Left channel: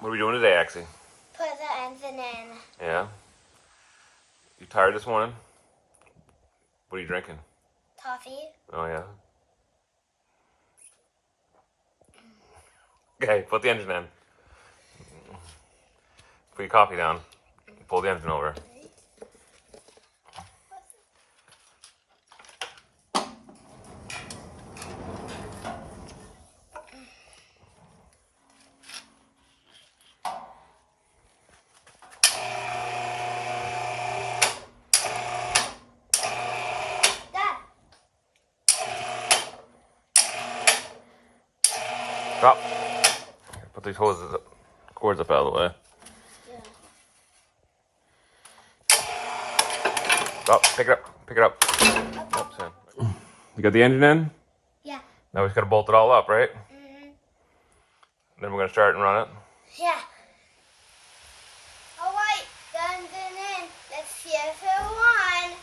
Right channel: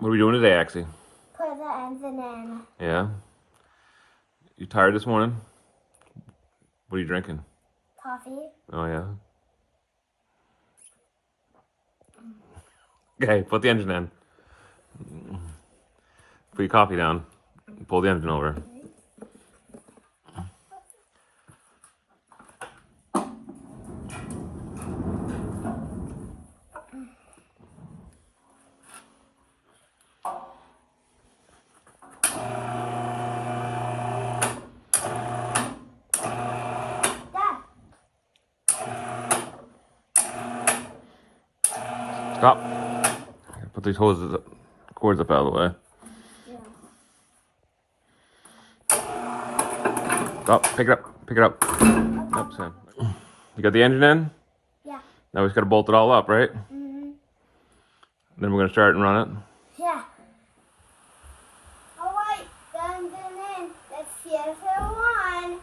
What are we doing today, Axel? Put the engine in. Yeah? You tired this morning? What are you drinking? Coffee. Oh, yeah? Okay, put the engine in. Put your coffee down. Pull the engine over. Dad. Stop. Put these hoses up, cords up out of the way. Stop. Pick it up. Pick it up. Up, Sam. You got the engine in? Yeah. Now we just got to bolt it all up, right? Mm-hmm. Then we're going to start and run it. Yeah. All right, the engine in. Let's see if it won.